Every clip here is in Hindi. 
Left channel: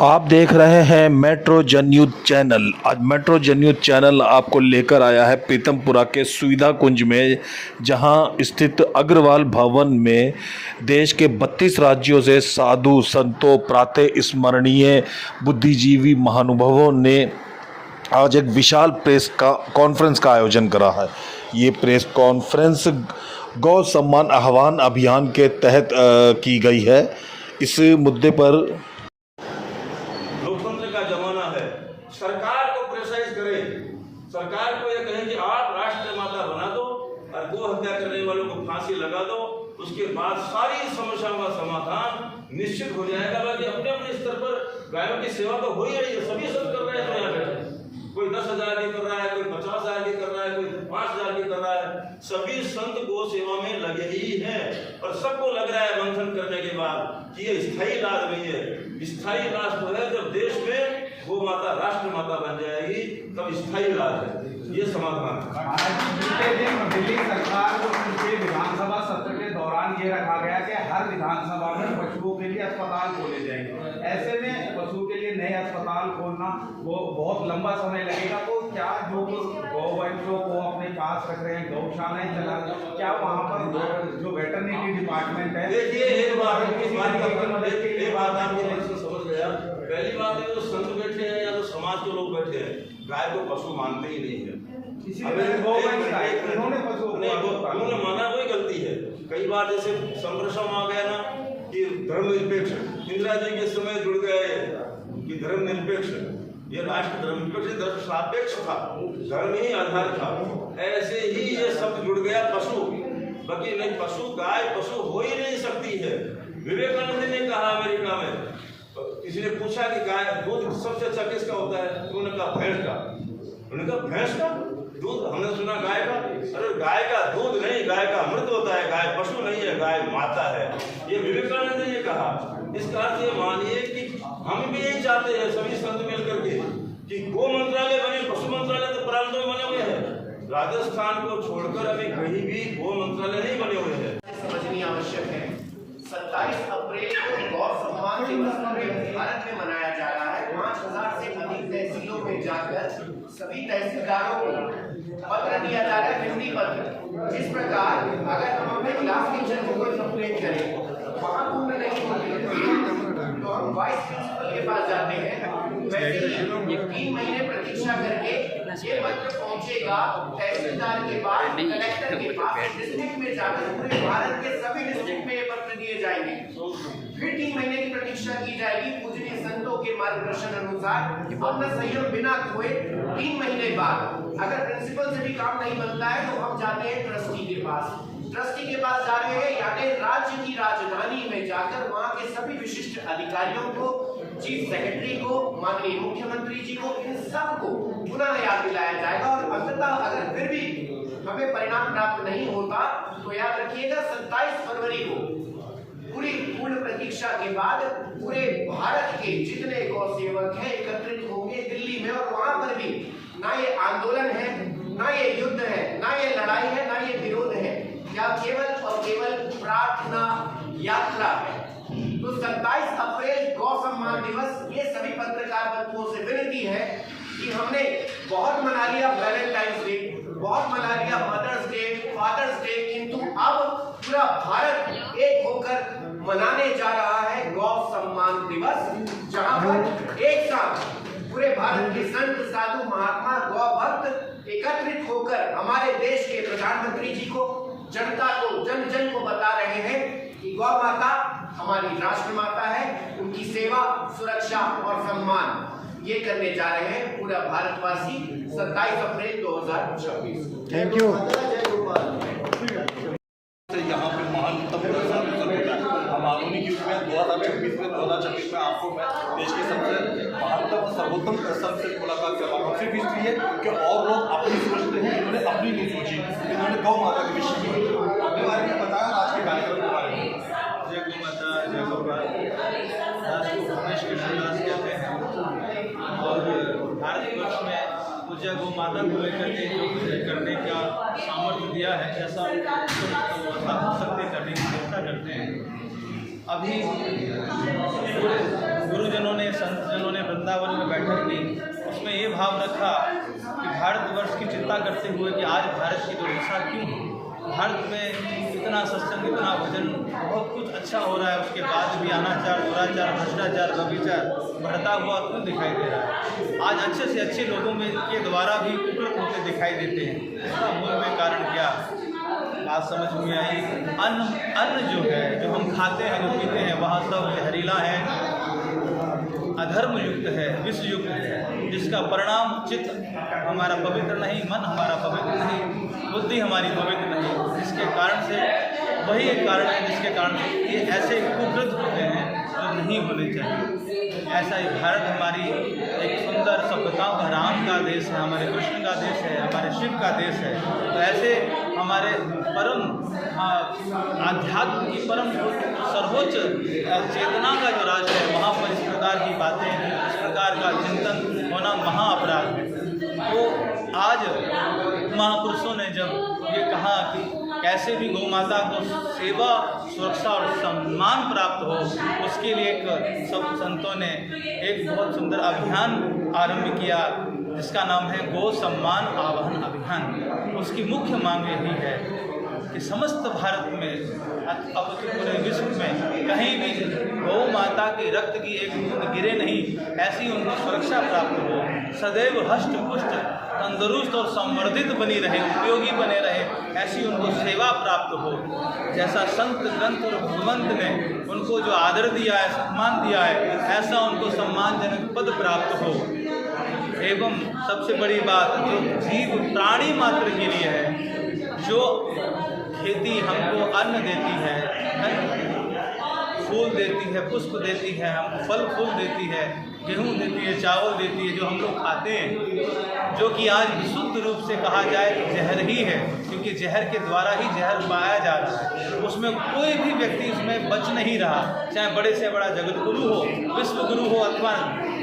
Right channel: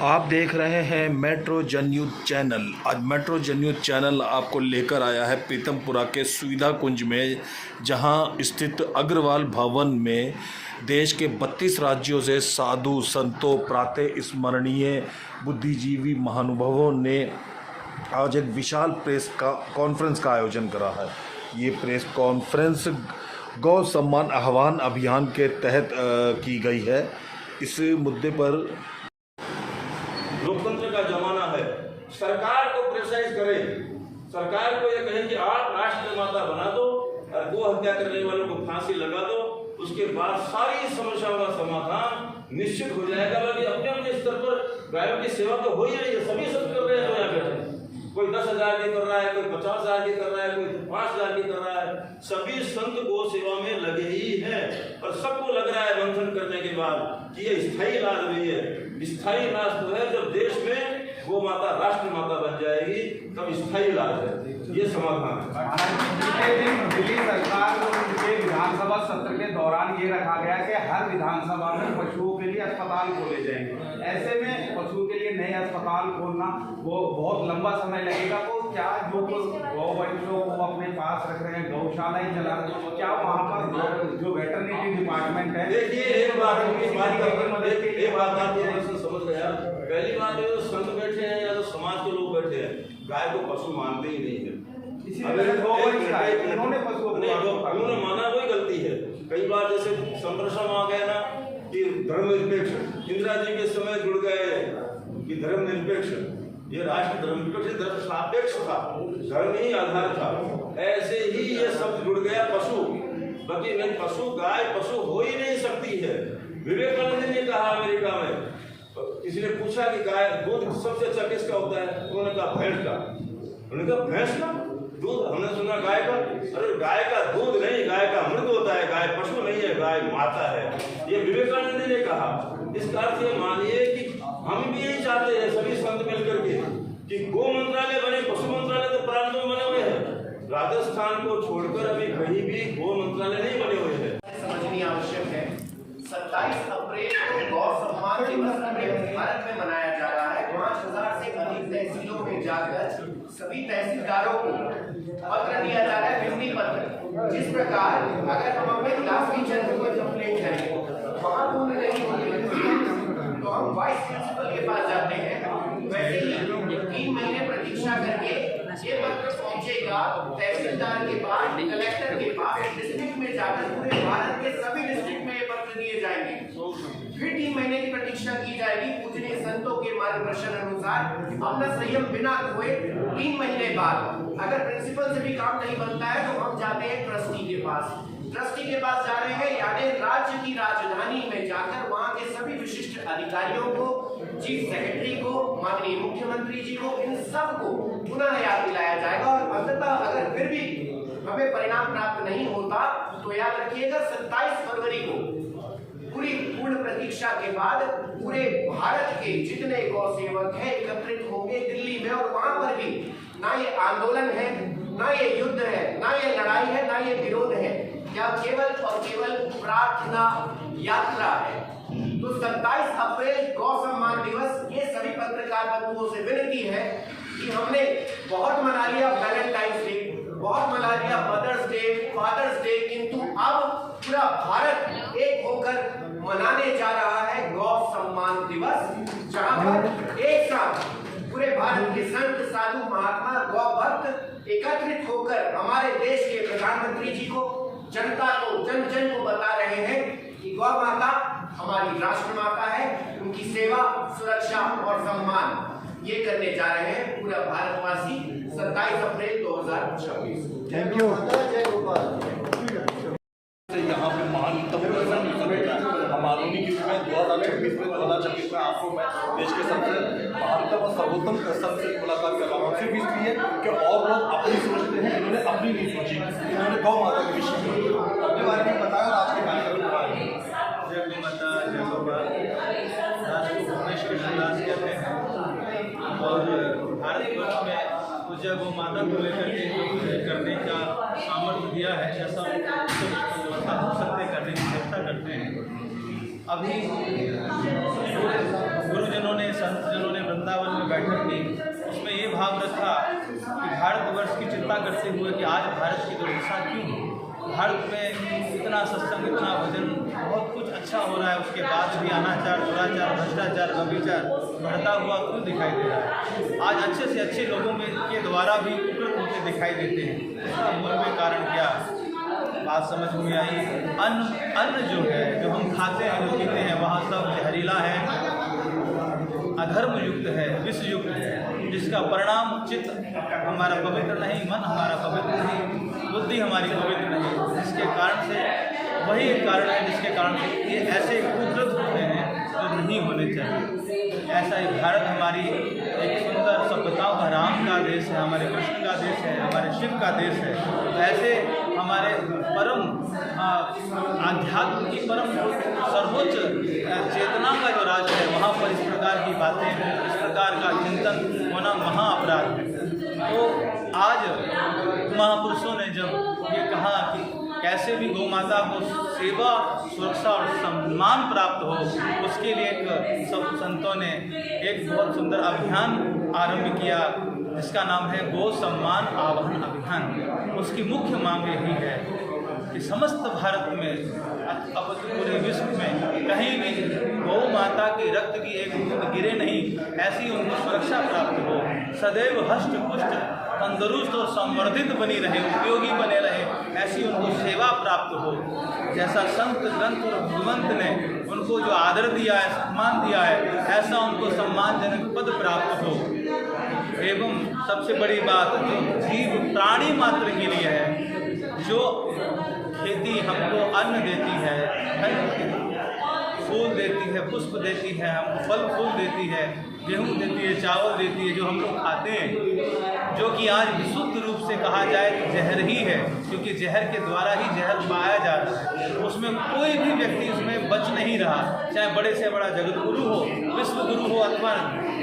आप देख रहे हैं मेट्रो जनयूज चैनल। आज मेट्रो जनयूज चैनल आपको लेकर आया है पीतमपुरा के सुविधा कुंज में, जहां स्थित अग्रवाल भवन में देश के 32 राज्यों से साधु संतों प्रातः स्मरणीय बुद्धिजीवी महानुभावों ने आज एक विशाल प्रेस कॉन्फ्रेंस का आयोजन करा है। ये प्रेस कॉन्फ्रेंस गौ सम्मान आह्वान अभियान के तहत की गई है। इस मुद्दे पर लोकतंत्र का जमाना है, सरकार को प्रेशराइज करें, सरकार को यह कहें कि आप राष्ट्र माता बना दो और गो हत्या करने वालों को फांसी लगा दो, उसके बाद सारी समस्याओं का समाधान निश्चित हो जाएगा। बाकी अपने अपने स्तर पर गायों की सेवा तो हो ही रही है, सभी सब कर रहे हैं। जो यहाँ बैठे कोई 10,000 की कर रहा है, कोई 50,000 की कर रहा है, कोई 5,000 की कर रहा है, सभी संत गो सेवा में लगे ही हैं। और सबको लग रहा है मंथन करने के बाद कि ये स्थायी इलाज नहीं है। स्थायी इलाज तो है जब देश में वो माता राष्ट्र माता बन जाएगी, तब स्थायी इलाज है, ये समाधान है। दिल्ली सरकार को उनके विधानसभा सत्र के दौरान ये रखा गया कि हर विधानसभा में पशुओं के लिए अस्पताल खोले जाएंगे। ऐसे में पशुओं के लिए नए अस्पताल खोलना वो बहुत लंबा समय लगेगा। तो क्या जो गौवंशों को अपने पास रख रहे हैं, गौशालाएं चला, क्या वहाँ पर जो वेटरनरी डिपार्टमेंट है? देखिए एक बात आपकी प्रश्न समझ गया। पहली बात है जो संत बैठे हैं या जो समाज के लोग बैठे हैं, गाय को पशु मानते ही नहीं है। उन्होंने माना वही गलती है। कई बार जैसे संरक्षण आ गया ना कि धर्मनिरपेक्ष, इंदिरा जी के समय जुड़ गए कि धर्मनिरपेक्ष, ये राष्ट्र धर्मनिरपेक्ष धर्म सापेक्ष था, धर्म ही आधार था। ऐसे ही ये शब्द जुड़ गया पशु। बाकी नहीं, पशु गाय पशु हो ही नहीं सकती है। विवेकानंद ने कहा अमेरिका में, किसी ने पूछा कि गाय दूध सबसे अच्छा किसका होता है, उन्होंने कहा भैंस का। उन्होंने कहा भैंस का दूध, हमने सुना गाय का। अरे गाय का दूध नहीं, गाय का अमृत होता है। गाय पशु नहीं है, गाय माता है, ये विवेकानंद ने कहा। इसका अर्थ ये मानिए कि हम भी यही चाहते हैं सभी संत मिलकर के कि गो मंत्रालय बने, पशु मंत्रालय तो प्रारंभ में बने हुए हैं। राजस्थान को छोड़कर अभी कहीं भी गो मंत्रालय नहीं बने हुए हैं। समझनी आवश्यक है। 27 अप्रैल को गौ सम्मान दिवस भारत में मनाया जा रहा है। 5,000 से अधिक तहसीलों में जाकर सभी तहसीलदारों को पत्र दिया जा रहा है, विनती पत्र। जिस प्रकार अगर हम अपने क्लास टीचर को कोई कंप्लेंट करें, वहाँ पूर्ण नहीं होती तो हम वाइस प्रिंसिपल के पास जाते हैं। वैसे ही 3 महीने प्रतीक्षा करके ये पत्र पहुंचेगा तहसीलदार के पास, कलेक्टर के पास, डिस्ट्रिक्ट में जाकर पूरे भारत के सभी डिस्ट्रिक्ट में ये पत्र दिए जाएंगे। फिर 3 महीने की प्रतीक्षा की जाएगी पूजनीय संतों के मार्गदर्शन अनुसार। अपना संयम बिना खोए 3 महीने बाद अगर प्रिंसिपल से भी काम नहीं बनता है तो हम जाते हैं ट्रस्टी के पास। ट्रस्टी के पास जा रहे हैं यानी राज्य की राजधानी में जाकर वहाँ के सभी विशिष्ट अधिकारियों को, चीफ सेक्रेटरी को, माननीय मुख्यमंत्री जी को, इन सब को पुनः याद दिलाया जाएगा। और अंततः अगर फिर भी हमें परिणाम प्राप्त नहीं होता तो याद रखिएगा 27 फरवरी को पूरी पूर्ण प्रतीक्षा के बाद पूरे भारत के जितने गौ सेवक हैं एकत्रित होंगे दिल्ली में। और वहां पर भी ना ये आंदोलन है, ना ये युद्ध है, ना ये लड़ाई है, ना ये विरोध है, या केवल और केवल प्रार्थना यात्रा है। तो 27 अप्रैल गौ सम्मान दिवस, ये सभी पत्रकार बंधुओं से विनती है कि हमने बहुत मना लिया वैलेंटाइंस डे, बहुत मना लिया मदर्स डे, फादर्स डे, किंतु अब पूरा भारत एक होकर मनाने जा रहा है गौ सम्मान दिवस, जहां पर एक साथ पूरे भारत के संत साधु महात्मा गौ भक्त एकत्रित होकर हमारे देश के प्रधानमंत्री जी को, जनता को, जन जन को बता रहे हैं कि गौ माता हमारी राष्ट्र माता है, उनकी सेवा, सुरक्षा और सम्मान ये करने जा रहे हैं पूरा भारतवासी 27 अप्रैल 2026। Thank you. यहाँ पे महानतम दर्शन होता है। हम आधुनिक युग में 2026 में आपको मैं देश के सबसे महानतम और सर्वोत्तम दर्शन से मुलाकात कर रहा हूँ। सिर्फ इसलिए कि और लोग अपनी सोचते हैं, इन्होंने अपनी नहीं सोची, इन्होंने गौ माता के विषय में अपने बारे में बताया, आज के कार्यक्रम के बारे में। जय गौ माता, जय गोपाल दास को भुवनेश कृष्णदास कहते हैं और भारतवर्ष में पूज्य गौ माता को लेकर के जो कुछ करने का सामर्थ्य दिया है, ऐसा उत्तम व्यवस्था हो सकते करने की चेष्टा करते हैं। अभी पूरे गुरुजनों ने, संतजनों ने वृंदावन में बैठक की, उसमें ये भाव रखा कि भारतवर्ष की चिंता करते हुए कि आज भारत की दुर्दशा क्यों है। भारत में इतना सत्संग, इतना भजन, बहुत कुछ अच्छा हो रहा है, उसके बाद भी अनाचार, दुराचार, भ्रष्टाचार, व्यभिचार बढ़ता हुआ क्यों दिखाई दे रहा है। आज अच्छे से अच्छे लोगों में के द्वारा भी कुकृत होते दिखाई देते हैं। इसका मूल में कारण क्या, बात समझ में आई। अन्न जो है, जो हम खाते हैं, जो पीते हैं, वह सब जहरीला है, अधर्म युक्त है, विष युक्त है, जिसका परिणाम चित्त हमारा पवित्र नहीं, मन हमारा पवित्र नहीं, बुद्धि हमारी पवित्र नहीं, जिसके कारण से वही एक कारण है जिसके कारण से ये ऐसे कुकृत होते हैं जो नहीं होने चाहिए। ऐसा ही भारत हमारी एक सुंदर सभ्यताओं का, राम का देश है, हमारे कृष्ण का देश है, हमारे शिव का देश है। तो ऐसे हमारे परम आध्यात्म की परम सर्वोच्च चेतना का जो राष्ट्र है, वहाँ पर इस प्रकार की बातें, इस प्रकार का चिंतन होना महा अपराध है। तो आज महापुरुषों ने जब ये कहा कि कैसे भी गौ माता को सेवा, सुरक्षा और सम्मान प्राप्त हो, उसके लिए सब संतों ने एक बहुत सुंदर अभियान आरंभ किया, जिसका नाम है गौ सम्मान आवाहन अभियान। उसकी मुख्य मांग यही है कि समस्त भारत में, अब तो पूरे विश्व में कहीं भी गौ माता के रक्त की एक बूंद गिरे नहीं, ऐसी उनको सुरक्षा प्राप्त हो, सदैव हष्ट पुष्ट, तंदुरुस्त और संवर्धित बनी रहे, उपयोगी बने रहे, ऐसी उनको सेवा प्राप्त हो। जैसा संत, ग्रंथ और भगवंत ने उनको जो आदर दिया है, सम्मान दिया है, ऐसा उनको सम्मानजनक पद प्राप्त हो। एवं सबसे बड़ी बात जो जीव प्राणी मात्र के लिए है, जो खेती हमको अन्न देती है, फूल देती है, पुष्प देती है, हमको फल फूल देती है, गेहूँ देती है, चावल देती है, जो हम लोग खाते हैं, जो कि आज विशुद्ध रूप से कहा जाए तो जहर ही है, क्योंकि जहर के द्वारा ही जहर पाया जा रहा है। उसमें कोई भी व्यक्ति उसमें बच नहीं रहा, चाहे बड़े से बड़ा जगत गुरु हो, विश्व गुरु हो, अथवा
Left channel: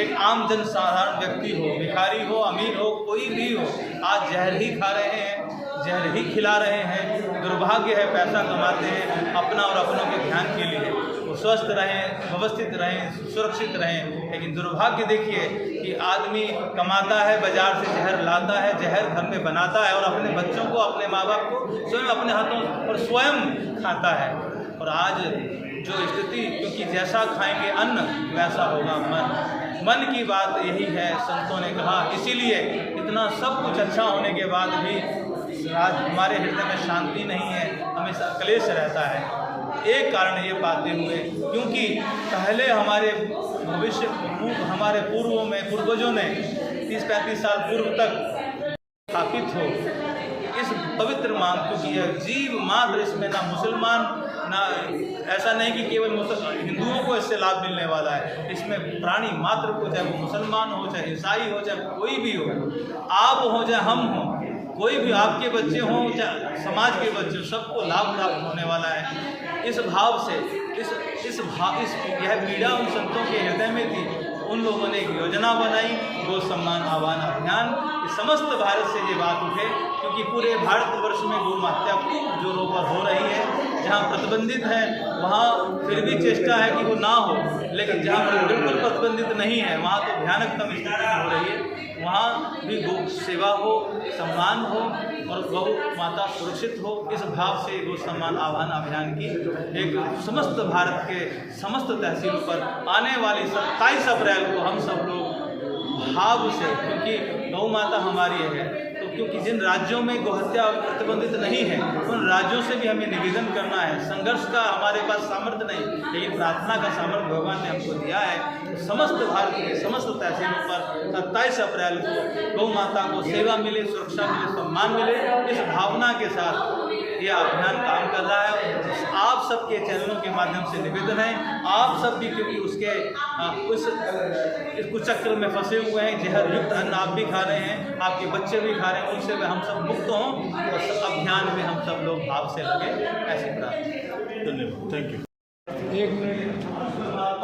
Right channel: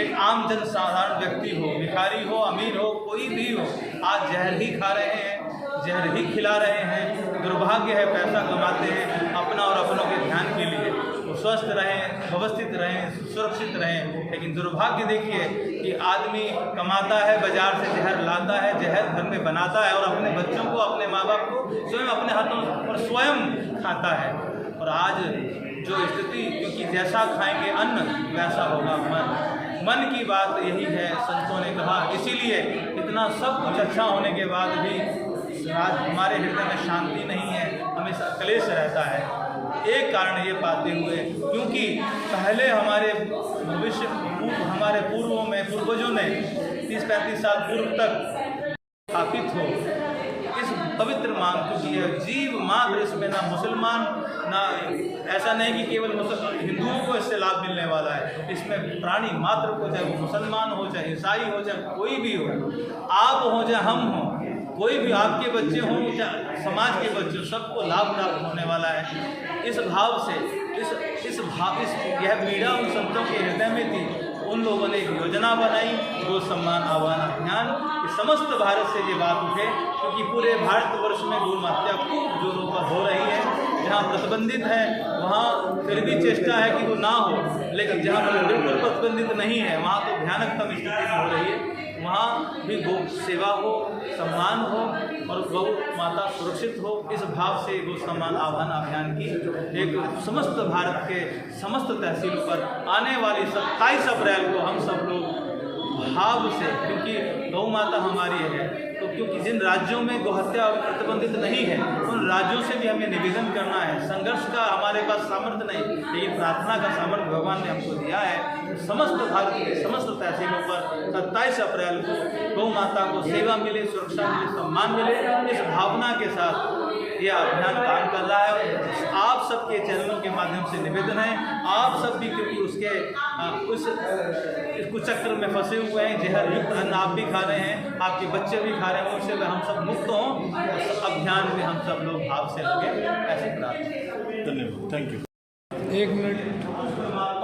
एक आम जन साधारण व्यक्ति हो, भिखारी हो, अमीर हो, कोई भी हो, आज जहर ही खा रहे हैं, जहर ही खिला रहे हैं। दुर्भाग्य है, पैसा कमाते हैं अपना और अपनों के ध्यान के लिए, वो स्वस्थ रहें, व्यवस्थित रहें, सुरक्षित रहें, लेकिन दुर्भाग्य देखिए कि आदमी कमाता है, बाजार से जहर लाता है, जहर घर में बनाता है और अपने बच्चों को, अपने माँ बाप को स्वयं अपने हाथों और स्वयं खाता है। और आज जो स्थिति, क्योंकि जैसा खाएंगे अन्न वैसा होगा मन की बात यही है, संतों ने कहा। इसीलिए इतना सब कुछ अच्छा होने के बाद भी हमारे हृदय में शांति नहीं है, हमेशा क्लेश रहता है। एक कारण ये पाते हुए, क्योंकि पहले हमारे हमारे पूर्वों में, पूर्वजों ने 30-35 साल पूर्व तक स्थापित हो इस पवित्र मांग, क्योंकि यह जीव मात्र, इसमें ना मुसलमान, ना ऐसा नहीं कि केवल हिंदुओं को इससे लाभ मिलने वाला है, इसमें प्राणी मात्र को, चाहे वो मुसलमान हो, चाहे ईसाई हो, चाहे कोई भी हो, आप हो चाहे हम हो, कोई भी आपके बच्चे हों, चाहे समाज के बच्चे, सबको लाभ प्राप्त होने वाला है। इस भाव से यह पीड़ा उन संतों के हृदय में थी। उन लोगों ने एक योजना बनाई, गौ सम्मान आह्वान अभियान, कि समस्त भारत से ये बात उठे, क्योंकि पूरे भारतवर्ष में गौ हत्या खूब जोरों पर हो रही है। जहाँ प्रतिबंधित है वहाँ फिर भी चेष्टा है कि वो ना हो, लेकिन जहाँ पर बिल्कुल प्रतिबंधित नहीं है वहाँ तो भयानकतम स्थिति में हो रही है। वहाँ भी गौ सेवा हो, सम्मान हो और गौ माता सुरक्षित हो। इस भाव से गौ सम्मान आह्वान अभियान की एक समस्त भारत के समस्त तहसील पर आने वाली 27 अप्रैल को हम सब लोग भाव से, क्योंकि गौ माता हमारी है, तो क्योंकि जिन राज्यों में गौहत्या प्रतिबंधित नहीं है उन राज्यों से भी हमें निवेदन करना है। संघर्ष का हमारे पास सामर्थ्य नहीं, लेकिन प्रार्थना का सामर्थ्य भगवान ने हमको दिया है। तो समस्त भारत के समस्त तहसीलों पर 27 अप्रैल को गौ माता को सेवा मिले, सुरक्षा मिले, सम्मान मिले, इस भावना के साथ यह अभियान काम कर रहा है। आप सबके चैनलों के माध्यम से निवेदन है, आप सब भी, क्योंकि उसके इस कुचक्र में फंसे हुए हैं, जहर युक्त अन्न आप भी खा रहे हैं, आपके बच्चे भी खा रहे हैं, उनसे हम सब मुक्त हों और अभियान में हम सब लोग भाव से लगे, ऐसी प्रार्थना। धन्यवाद, थैंक यू। 1 मिनट।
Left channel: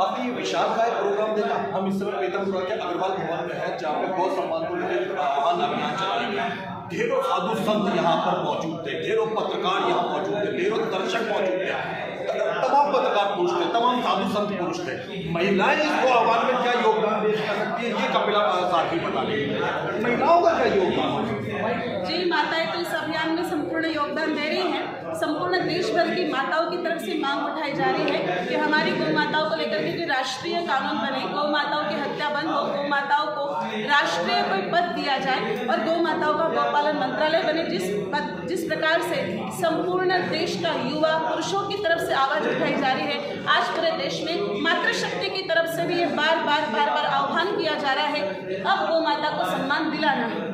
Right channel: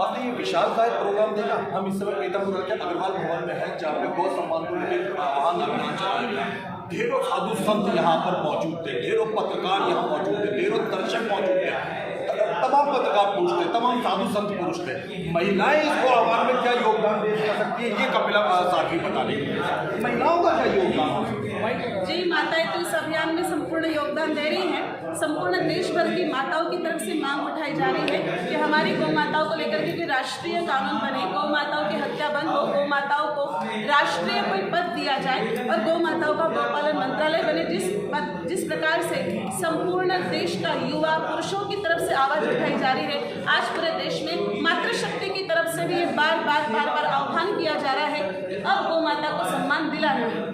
काफ़ी विशालकाय प्रोग्राम देखा। हम इस समय पीतमपुरा के अग्रवाल भवन में हैं, जहाँ पे गौ सम्मान को लेकर आह्वान अभियान चलाया गया। ढेरों साधु संत यहाँ पर मौजूद थे, ढेरों पत्रकार यहाँ मौजूद थे, ढेरों दर्शक मौजूद थे। तमाम पत्रकार पुरुष थे, तमाम साधु संत पुरुष थे। महिलाएं इसको आह्वान में क्या योगदान दे सकती है, ये कपिला साथी बता रही है। महिलाओं का क्या योगदान? जी, माताएं तो इस अभियान में संपूर्ण योगदान दे रही हैं। संपूर्ण देश भर की माताओं की तरफ से मांग उठाई जा रही है कि हमारी गौ माताओं को लेकर के राष्ट्रीय कानून बने, गौ माताओं की हत्या बंद हो, गौ माताओं को राष्ट्रीय कोई पद दिया जाए और गौ माताओं का गौपालन मंत्रालय बने। जिस प्रकार से संपूर्ण देश का युवा पुरुषों की तरफ से आवाज उठाई जा रही है, आज पूरे देश में मातृशक्ति की तरफ से भी ये बार बार आह्वान किया जा रहा है कि अब गौ माता को सम्मान दिलाना है।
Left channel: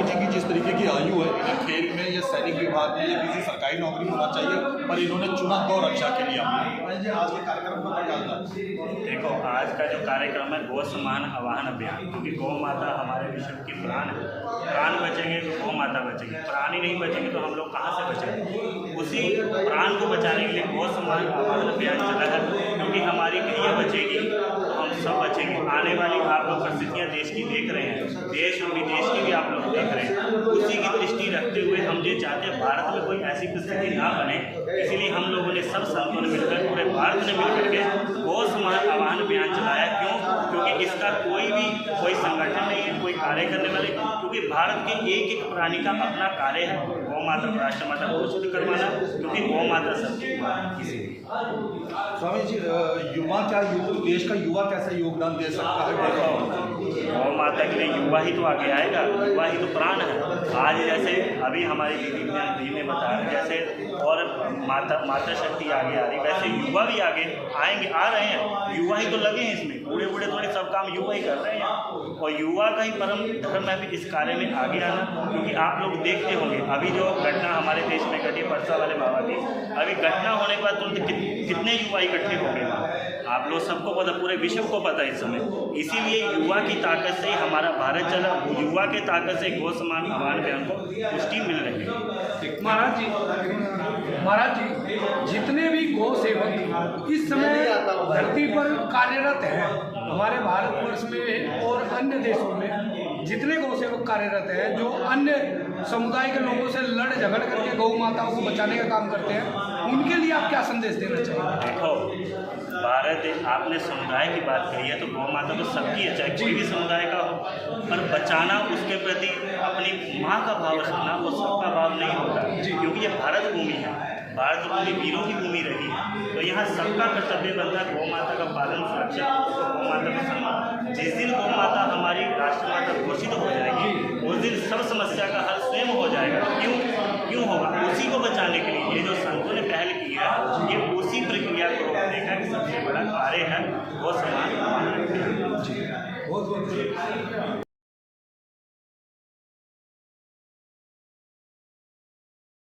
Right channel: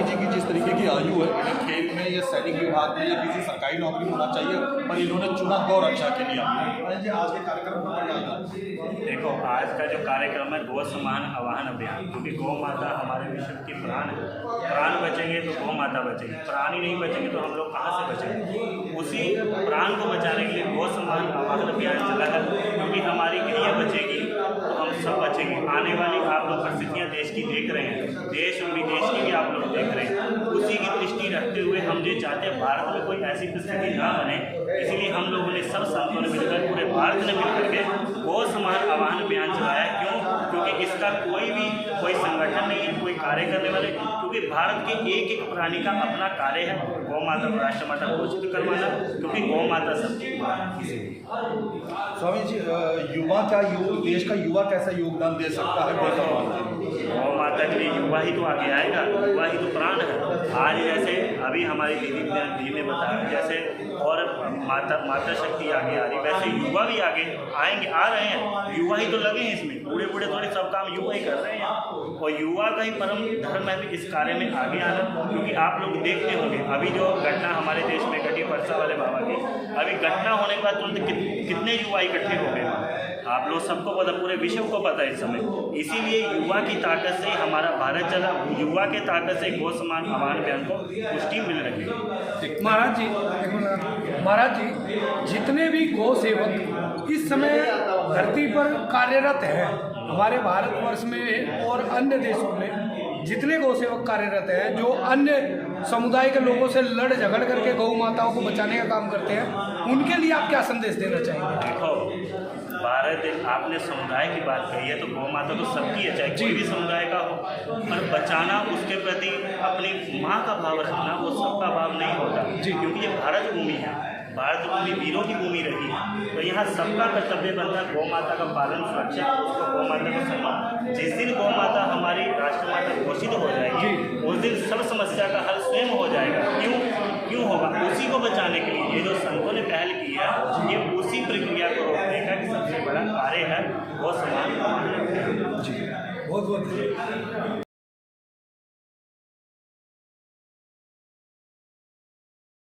जी की जिस तरीके की आयु है, खेल में या सैनिक विभाग में या किसी सरकारी नौकरी होना चाहिए, पर इन्होंने चुना गौ रक्षा के लिए। आज के कार्यक्रम में क्या होता है? देखो, आज का जो कार्यक्रम है गौ सम्मान आवाहन अभियान, क्योंकि गौ माता हमारे विश्व की प्राण है। प्राण बचेंगे तो गौ माता बचेगी, प्राण ही नहीं बचेंगे तो हम लोग कहाँ से बचेंगे? उसी प्राण को बचाने के लिए गौ सम्मान आवाहन अभियान चला है, क्योंकि हमारी गैया बचेगी तो हम सब बचेंगे। आने वाली आप लोग परिस्थितियाँ देश की देख रहे हैं, देश और विदेश की भी आप लोग देख रहे हैं। उसी की दृष्टि रखते हुए हम ये चाहते हैं भारत में कोई ऐसी परिस्थिति ना बने, इसीलिए हम लोगों ने सब संतों ने मिलकर, पूरे भारत ने मिलकर के गौ सम्मान आवाहन अभियान चलाया। क्यों? क्योंकि इसका कोई संगठन नहीं है, कोई कार्य करने वाले, क्योंकि भारत के एक एक प्राणी का अपना कार्य है गौ माता को राष्ट्रमाता घोषित करवाना, क्योंकि गौ माता सबकी माँ है। स्वामी जी, युवा क्या देश का युवा कैसा योगदान दे सकता है? गौ माता के लिए युवा ही तो आगे आएगा, युवा ही तो प्राण है। आज जैसे अभी हमारी दीदी ने बताया, जैसे और माता शक्ति आगे आ रही, वैसे युवा भी आगे आएंगे, आ रहे हैं। युवा ही तो लगे हैं इसमें, बूढ़े थोड़े सब काम युवा ही कर रहे हैं, और युवा का ही परम धर्म है भी इस कार्य में आगे आना। क्योंकि आप लोग देखते होंगे अभी जो घटना हमारे देश में घटी परसा वाले बाबा की, अभी घटना होने के बाद तुरंत कितने युवा इकट्ठे हो गए वहाँ, आप लोग सबको पता, पूरे विश्व को पता है इस समय। इसीलिए युवा की ताकत से ही हमारा भारत चला, युवा के ताकत से गौ सम्मान आह्वान अभियान को पुष्टि मिल रही है। महाराज जी, जितने भी गौ सेवक इस समय धरती पर कार्यरत हैं, हमारे भारतवर्ष में और अन्य देशों में जितने गौ सेवक कार्यरत हैं, जो अन्य समुदाय के लोगों से लड़ झगड़ करके गौ माताओं को बचाने का काम करते हैं, उनके लिए आप क्या संदेश देना चाहेंगे? देखो, भारत, आपने समुदाय की बात कही है, तो गौ माता तो सबकी है, चाहे कोई भी समुदाय का हो, पर बचाना, उसके प्रति अपनी माँ का भाव रखना, वो सबका भाव नहीं होता, क्योंकि ये भारत भूमि है, भारत भूमि वीरों की भूमि रही है। तो यहाँ सबका कर्तव्य बनता है गौ माता का पालन, सुरक्षा, गौ माता का सम्मान। जिस दिन गौ माता हमारी राष्ट्रमाता घोषित हो जाएगी, उस दिन सब समस्या का हल स्वयं हो जाएगा। क्यों होगा? उसी को बचाने के लिए ये जो संतों ने पहल की है, ये उसी प्रक्रिया को रोकने का सबसे बड़ा कार्य है गौ सम्मान आह्वान अभियान। बहुत